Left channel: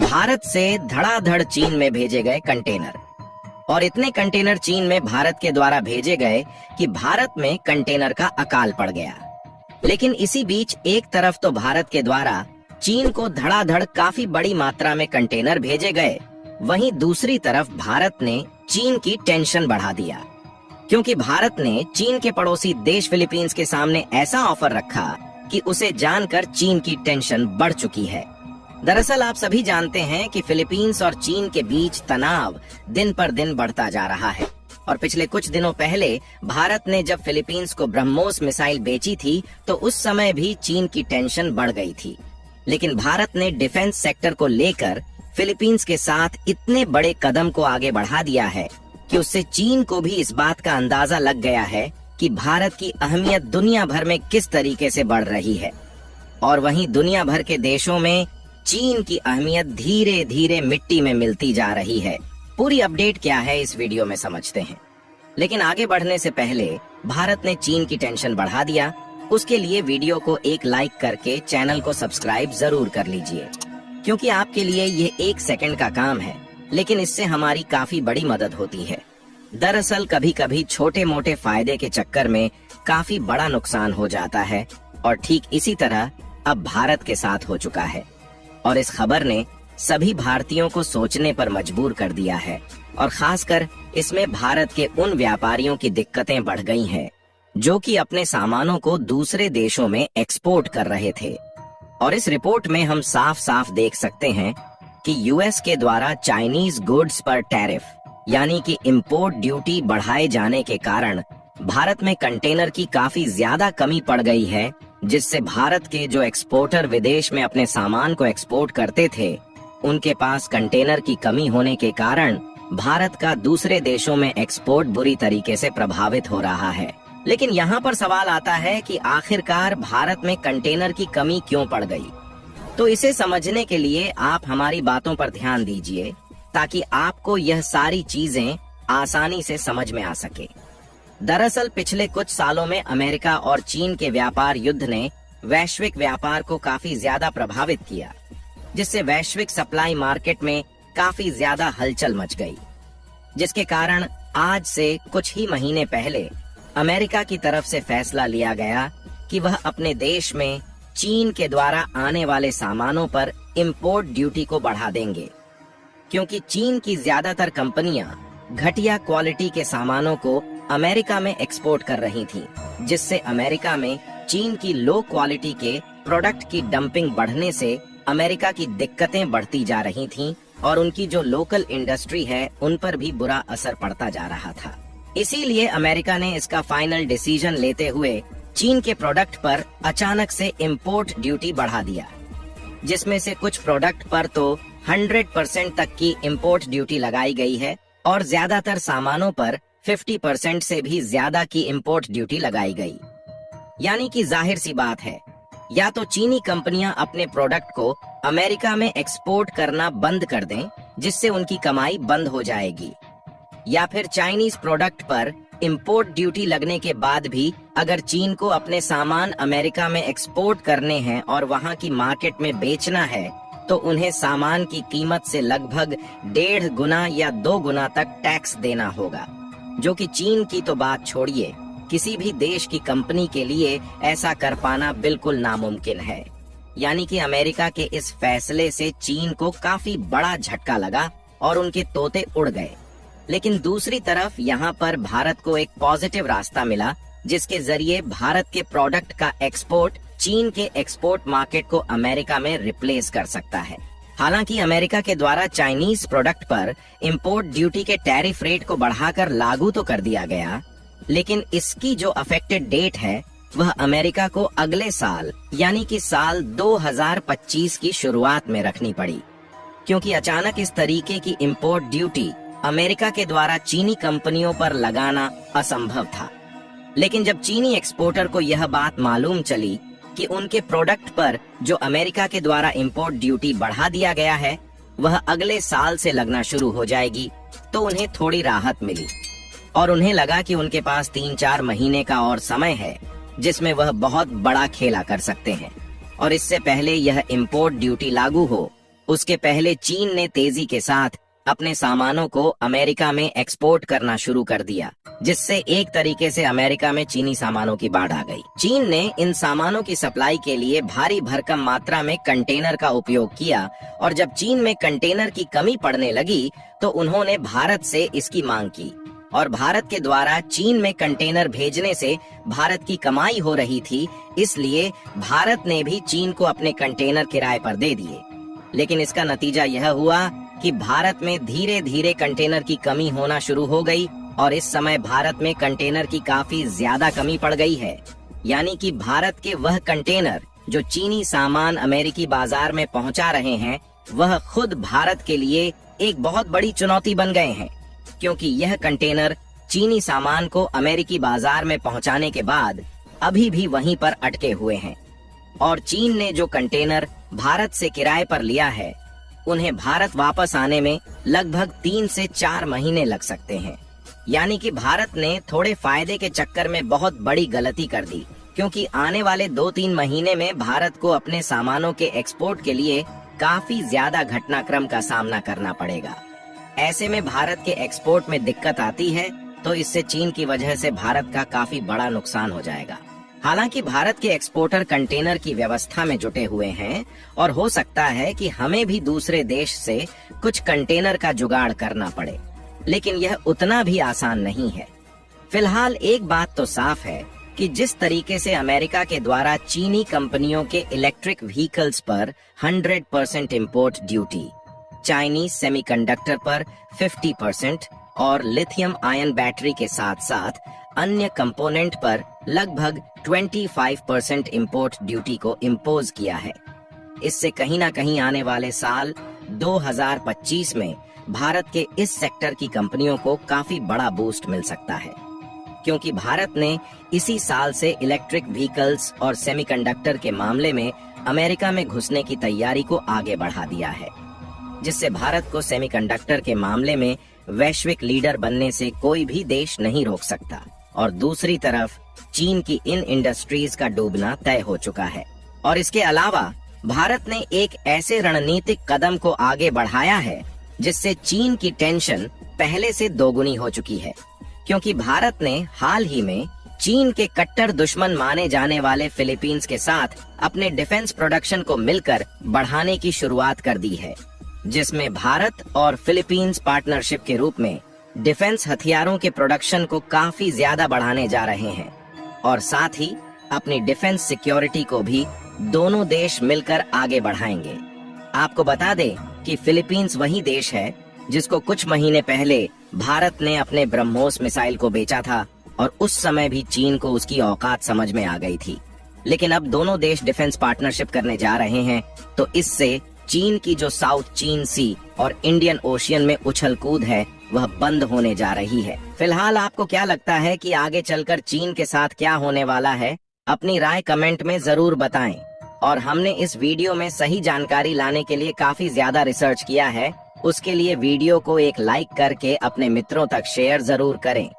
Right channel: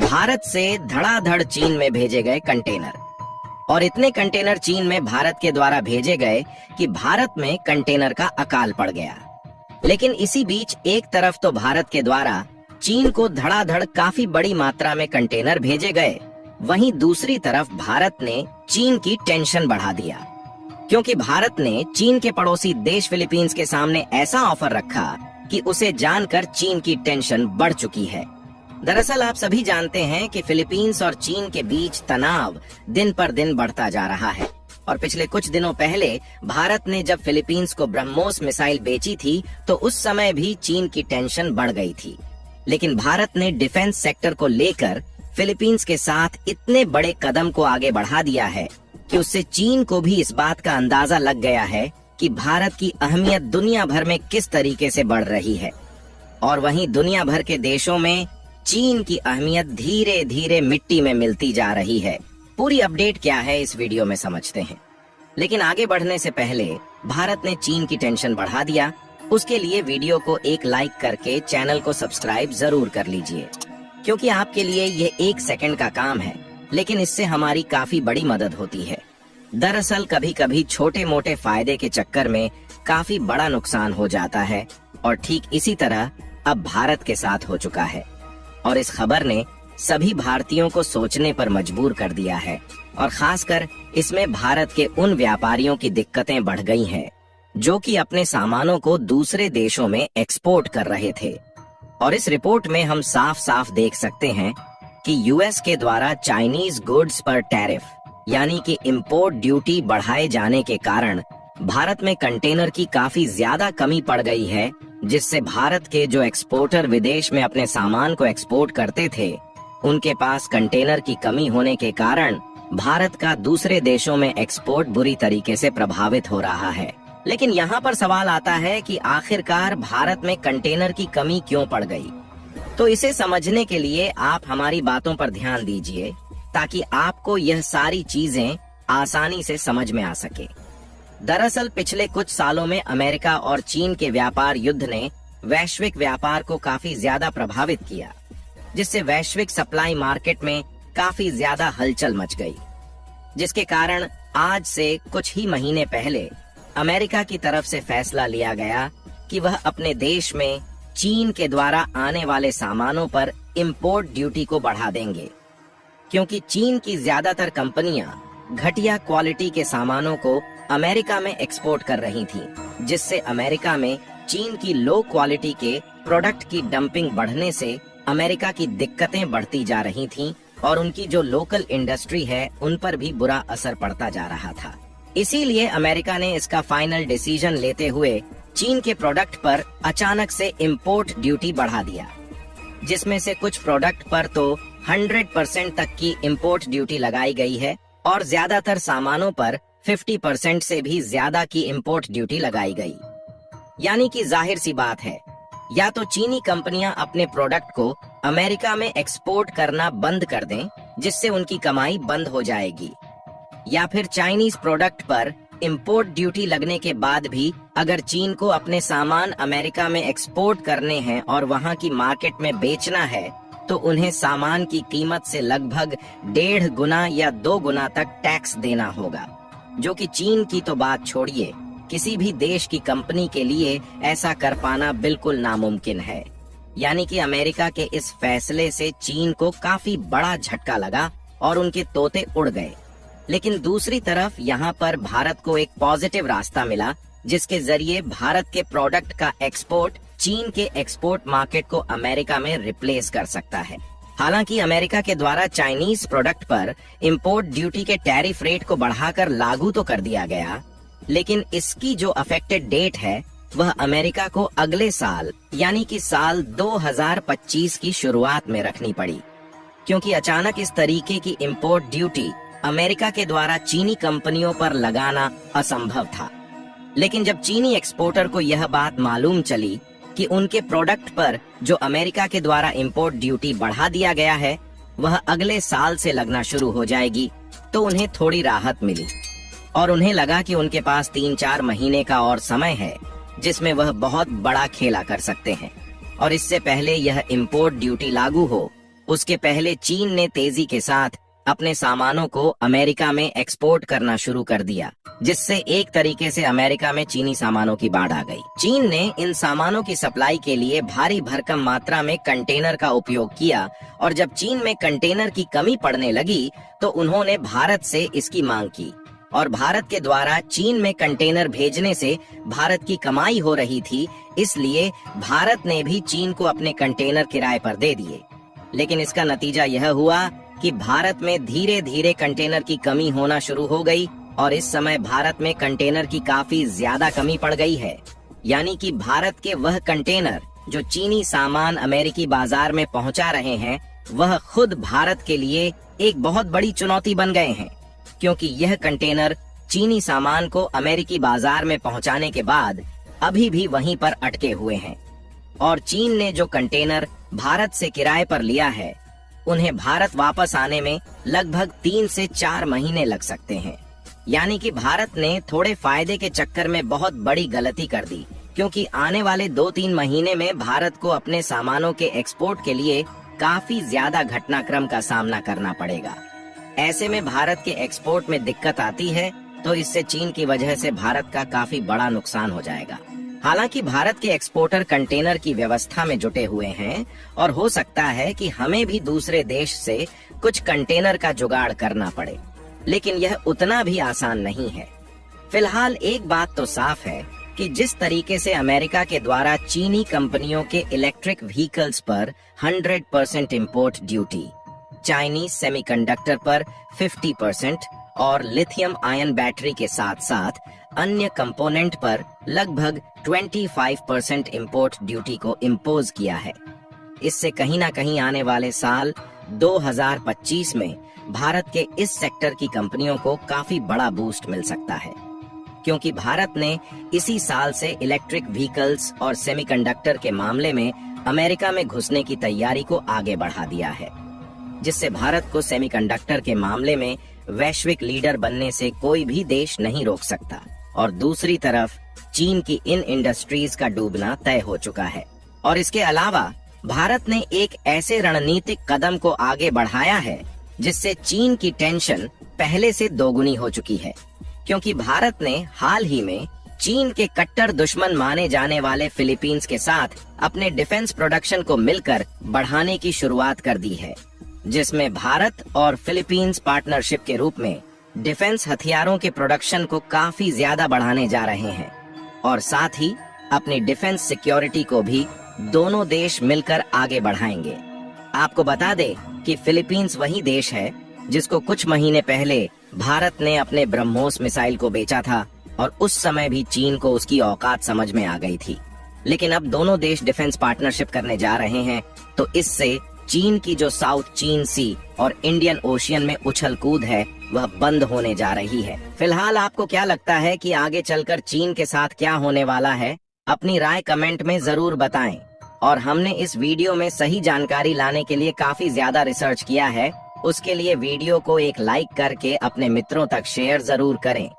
भारत से धड़ाधड़ चीन में भेजे गए कंटेनर। और इतने कंटेनर चीन में भारत के द्वारा भेजे गए कि भारत में कंटेनर का अकाल पड़ गया। लेकिन इसी बीच एक तरफ तो भारत के द्वारा चीन को धड़ाधड़ काफी बड़ी मात्रा में कंटेनर भेजे गए, वहीं दूसरी तरफ भारत ने चीन की टेंशन बढ़ा दिया, क्योंकि भारत ने चीन के पड़ोसी देश फिलीपींस के सामने ऐसा ऑफर रखा कि उसे जानकर चीन की टेंशन बढ़ चुकी है। दरअसल आप सभी जानते हैं कि फिलीपींस और चीन के बीच तनाव दिन पर दिन बढ़ता जा रहा है और पिछले कुछ दिनों पहले भारत ने जब फिलीपींस को ब्रह्मोस मिसाइल बेची थी तो उस समय भी चीन की टेंशन बढ़ गई थी। लेकिन भारत ने डिफेंस सेक्टर को लेकर फिलीपींस के साथ इतने बड़े कदम को आगे बढ़ा दिया है कि उससे चीन को भी इस बात का अंदाजा लग गया है कि भारत की अहमियत दुनिया भर में किस तरीके से बढ़ रही है। और वहीं दुनिया भर के देशों में चीन की अहमियत धीरे धीरे मिट्टी में मिलती जा रही है। पूरी अपडेट क्या है इस वीडियो में समझते हैं। लेकिन आगे बढ़ने से पहले भारत ने चीन की टेंशन बढ़ा दिया, उसके लिए वीडियो को एक लाइक करके चैनल को सब्सक्राइब जरूर कर लीजिए, क्योंकि आपके लिए ये 1 सेकंड का काम है, लेकिन इससे हमारी काफी बड़ी मदद होती है। दरअसल कभी कभी छोटे मोटे फायदे के चक्कर में काफी बड़ा नुकसान हो जाता है और ठीक इसी तरह अब भारत के साथ हो चुका है। और इस खबर ने सभी भारतीयों को सोचने पर मजबूर कर दिया है और खासकर इसमें भारत के उन व्यापारियों की दिक्कतें बढ़ गई हैं जो कि अपने सामानों को दूसरे देशों में एक्सपोर्ट कर रहे थे। और इस रिपोर्ट में हम साफ साफ देख सकते हैं कि यूएस के द्वारा चाइनीज गुड्स पर टैरिफ यानी कि इंपोर्ट ड्यूटी बढ़ाए जाने के कारण भारत में कंटेनर की काफी ज्यादा कमी पड़ गई है, जिससे भारत के जो एक्सपोर्टर विदेश में अपने सामान को एक्सपोर्ट करते थे उनके पास कंटेनर की कमी होने के कारण भारत का दूसरे देशों में एक्सपोर्ट बुरी तरीके से प्रभावित हो रहा है। लेकिन यहाँ पर सवाल आता है कि आखिरकार भारत में कंटेनर की कमी क्यों पड़ गई। तो इसे समझने के लिए आप हमारी बातों पर ध्यान दीजिए ताकि आपको यह सारी चीजें आसानी से समझ में आ सके। दरअसल पिछले कुछ सालों में अमेरिका और चीन के व्यापार युद्ध ने वैश्विक व्यापार को काफी ज्यादा प्रभावित किया, जिससे वैश्विक सप्लाई मार्केट में काफी ज्यादा हलचल मच गई, जिसके कारण आज से कुछ ही महीने पहले अमेरिका की तरफ से फैसला लिया गया कि वह अपने देश में चीन के द्वारा आने वाले सामानों पर इंपोर्ट ड्यूटी को बढ़ा देंगे, क्योंकि चीन की ज्यादातर कंपनियां घटिया क्वालिटी के सामानों को अमेरिका में एक्सपोर्ट कर रही थी, जिससे अमेरिका में चीन की लो क्वालिटी के प्रोडक्ट की डंपिंग बढ़ने से अमेरिका की दिक्कतें बढ़ती जा रही थीं और उनकी जो लोकल इंडस्ट्री है उन पर भी बुरा असर पड़ता जा रहा था। इसीलिए अमेरिका ने इसका फाइनल डिसीजन लेते हुए चीन के प्रोडक्ट पर अचानक से इंपोर्ट ड्यूटी बढ़ा दिया, जिसमें से कुछ प्रोडक्ट पर तो 100% तक की इंपोर्ट ड्यूटी लगाई गई है और ज्यादातर सामानों पर 50% से भी ज्यादा की इंपोर्ट ड्यूटी लगाई गई। यानी कि जाहिर सी बात है, या तो चीनी कंपनियां अपने प्रोडक्ट को अमेरिका में एक्सपोर्ट करना बंद कर दें, जिससे उनकी कमाई बंद हो जाएगी, या फिर चाइनीज प्रोडक्ट पर इंपोर्ट ड्यूटी लगने के बाद भी अगर चीन को अपने सामान अमेरिका में एक्सपोर्ट करने हैं और वहां की मार्केट में बेचना है तो उन्हें सामान की कीमत से लगभग 1.5 गुना या 2 गुना तक टैक्स देना होगा, जो कि चीन की तो बात छोड़िए, किसी भी देश की कंपनी के लिए ऐसा कर पाना बिल्कुल नामुमकिन है। यानी कि अमेरिका के इस फैसले से चीन को काफी बड़ा झटका लगा और उनके तोते उड़ गए। लेकिन दूसरी तरफ यहाँ पर भारत को एक पॉजिटिव रास्ता मिला, जिसके जरिए भारत के प्रोडक्ट का एक्सपोर्ट चीन के एक्सपोर्ट मार्केट को अमेरिका में रिप्लेस कर सकता है। हालांकि अमेरिका के द्वारा चाइनीज प्रोडक्ट पर इंपोर्ट ड्यूटी के टैरिफ रेट को बढ़ाकर लागू तो कर दिया गया, लेकिन इसकी जो अफेक्टेड डेट है वह अमेरिका को अगले साल यानी कि साल 2025 की शुरुआत में रखनी पड़ी, क्योंकि अचानक इस तरीके की इंपोर्ट ड्यूटी अमेरिका के द्वारा चीनी कंपनियों पर लगाना असंभव था। लेकिन जब चीनी एक्सपोर्टर को यह बात मालूम चली कि उनके प्रोडक्ट पर जो अमेरिका के द्वारा इंपोर्ट ड्यूटी बढ़ा दिया गया है वह अगले साल से लगना शुरू हो जाएगी, तो उन्हें थोड़ी राहत मिली और उन्हें लगा कि उनके पास 3-4 महीने का और समय है जिसमें वह बहुत बड़ा खेला कर सकते हैं। और इससे पहले यह इंपोर्ट ड्यूटी लागू हो उसके पहले चीन ने तेजी के साथ अपने सामानों को अमेरिका में एक्सपोर्ट करना शुरू कर दिया, जिससे एक तरीके से अमेरिका में चीनी सामानों की बाढ़ आ गई। चीन ने इन सामानों की सप्लाई के लिए भारी भरकम मात्रा में कंटेनर का उपयोग किया और जब चीन में कंटेनर की कमी पड़ने लगी तो उन्होंने भारत से इसकी मांग की और भारत के द्वारा चीन में कंटेनर भेजने से भारत की कमाई हो रही थी, इसलिए भारत ने भी चीन को अपने कंटेनर किराए पर दे दिए। लेकिन इसका नतीजा यह हुआ कि भारत में धीरे धीरे कंटेनर की कमी होना शुरू हो गई और इस समय भारत में कंटेनर की काफी ज्यादा कमी पड़ गई है। यानी कि भारत के वह कंटेनर जो चीनी सामान अमेरिकी बाजार में पहुंचा रहे हैं, वह खुद भारत के लिए एक बहुत बड़ी चुनौती बन गए हैं, क्योंकि यह कंटेनर चीनी सामान को अमेरिकी बाजार में पहुंचाने के बाद अभी भी वहीं पर अटके हुए हैं और चीन ने जो कंटेनर भारत से किराए पर लिया है, उन्हें भारत वापस आने में लगभग 3 से 4 महीने लग सकते हैं। यानी कि भारत ने थोड़े फायदे के चक्कर में बहुत बड़ी गलती कर दी, क्योंकि आने वाले 2-3 महीने में भारत को अपने सामानों के एक्सपोर्ट के लिए काफी ज्यादा घटनाक्रम का सामना करना पड़ेगा। ऐसे में भारत के एक्सपोर्ट में दिक्कत आती है तो इससे चीन की वजह से भारत का काफी बड़ा नुकसान हो जाएगा। हालांकि भारत के एक्सपोर्टर कंटेनर की व्यवस्था में जुटे हुए हैं और हो सकता है कि हमें भी दूसरे देश से कुछ कंटेनर का जुगाड़ करना पड़े, लेकिन यह उतना भी आसान नहीं है। फिलहाल एक बात तो साफ है कि जिस तरीके से अमेरिका के द्वारा चीनी कंपनियों के इलेक्ट्रिक व्हीकल्स पर 100% इंपोर्ट ड्यूटी, चाइनीज सेमीकंडक्टर पर 50% और लिथियम आयन बैटरी के साथ साथ अन्य कंपोनेंट पर लगभग 25% इंपोर्ट ड्यूटी को इम्पोज किया है, इससे कहीं ना कहीं आने वाले साल 2025 में भारत के इस सेक्टर की कंपनियों को काफी बड़ा बूस्ट मिल सकता है, क्योंकि भारत ने इसी साल से इलेक्ट्रिक व्हीकल्स और सेमीकंडक्टर के मामले में अमेरिका में घुसने की तैयारी को आगे बढ़ा दिया है, जिससे भारत को सेमीकंडक्टर के मामले में वैश्विक लीडर बनने से कोई भी देश नहीं रोक सकता। और दूसरी तरफ चीन की इन इंडस्ट्रीज का डूबना तय हो चुका है। और इसके अलावा भारत ने एक ऐसे रणनीतिक कदम को आगे बढ़ाया है जिससे चीन की टेंशन पहले से दोगुनी हो चुकी है, क्योंकि भारत ने हाल ही में चीन के कट्टर दुश्मन माने जाने वाले फिलीपींस के साथ अपने डिफेंस प्रोडक्शन को मिलकर बढ़ाने की शुरुआत कर दी है, जिसमें भारत और फिलीपींस पार्टनरशिप के रूप में डिफेंस हथियारों के प्रोडक्शन को काफी ज्यादा बढ़ाने जा रहे हैं और साथ ही अपनी डिफेंस सिक्योरिटी को भी दोनों देश मिलकर आगे बढ़ाएंगे। आपको बता दें कि फिलीपींस वही देश है जिसको कुछ महीने पहले भारत ने अपने ब्रह्मोस मिसाइल को बेचा था और उस समय भी चीन को उसकी औकात समझ में आ गई थी। लेकिन अब दोनों देश डिफेंस पार्टनरशिप करने जा रहे हैं तो इससे चीन की जो साउथ चीन सी और इंडियन ओशियन में उछल कूद है वह बंद होने जा रही है। फिलहाल आपको क्या लगता है कि आगे चलकर चीन के साथ क्या होने वाला है? अपनी राय कमेंट में जरूर बताएं। और हमने इस वीडियो में सही जानकारी लाने के लिए काफी ज्यादा रिसर्च किया है, उसके लिए वीडियो को एक लाइक करके अपने मित्रों तक शेयर जरूर करें।